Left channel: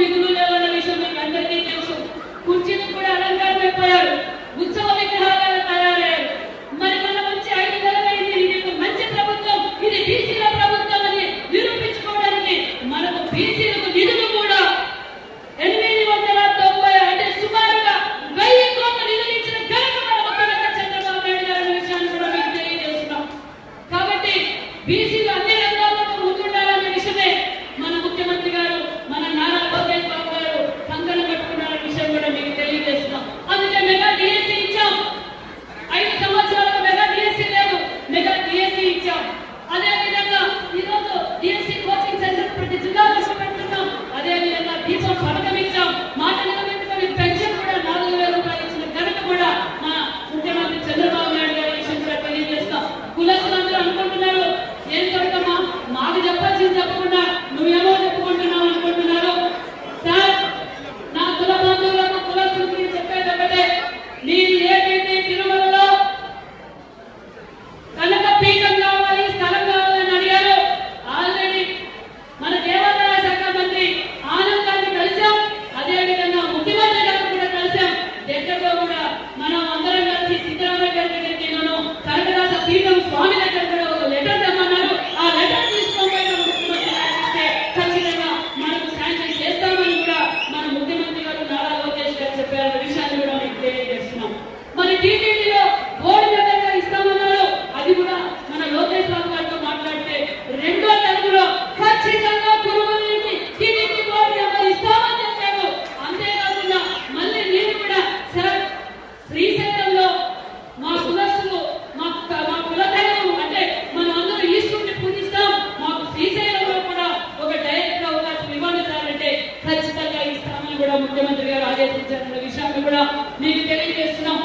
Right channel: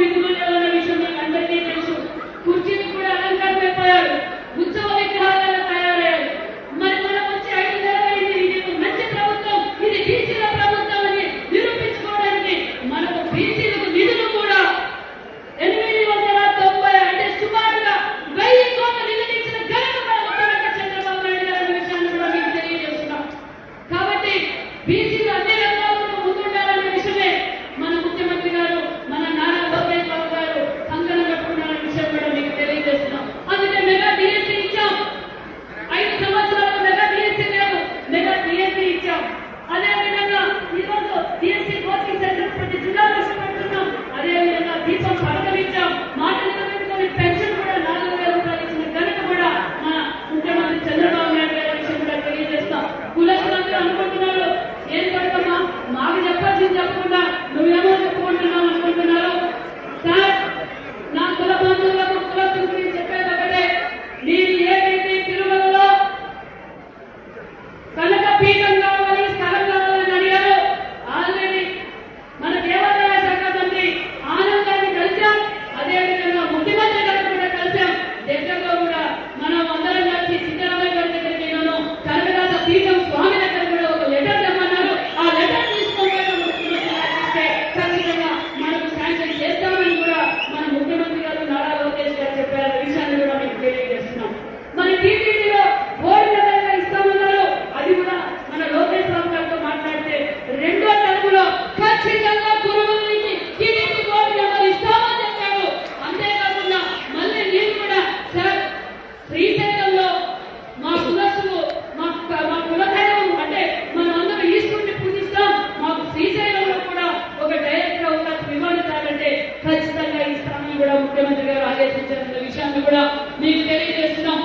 విధులలో ఉన్న విషయం మీకు అందరికీ తెలుసు. కుర్చీని కూడా అలంకారం పెట్టారు ఉత్సవ విగ్రహాలు ఖచ్చితంగా ఇస్తామని కూడా ముఖ్యమంత్రి గారు ఆదేశించారన్న విషయాన్ని కూడా మీకు తెలియజేస్తున్నాం.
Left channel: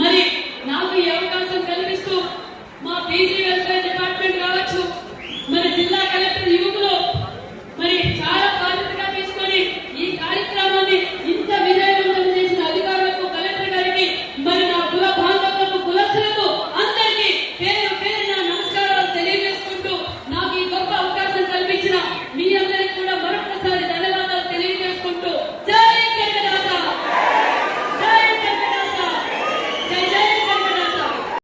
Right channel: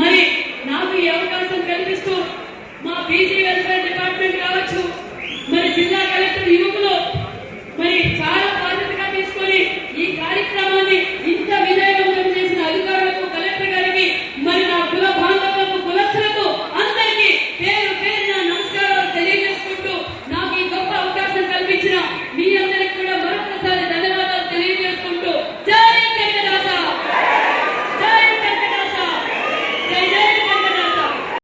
మరి నాకు ఈ అవకాశం కల్పిస్తూ మా పీజీ వెల్ఫేర్ డిపార్ట్మెంట్ కావచ్చు మరి జిల్లా కలెక్టర్ యువకులు మరి చాలా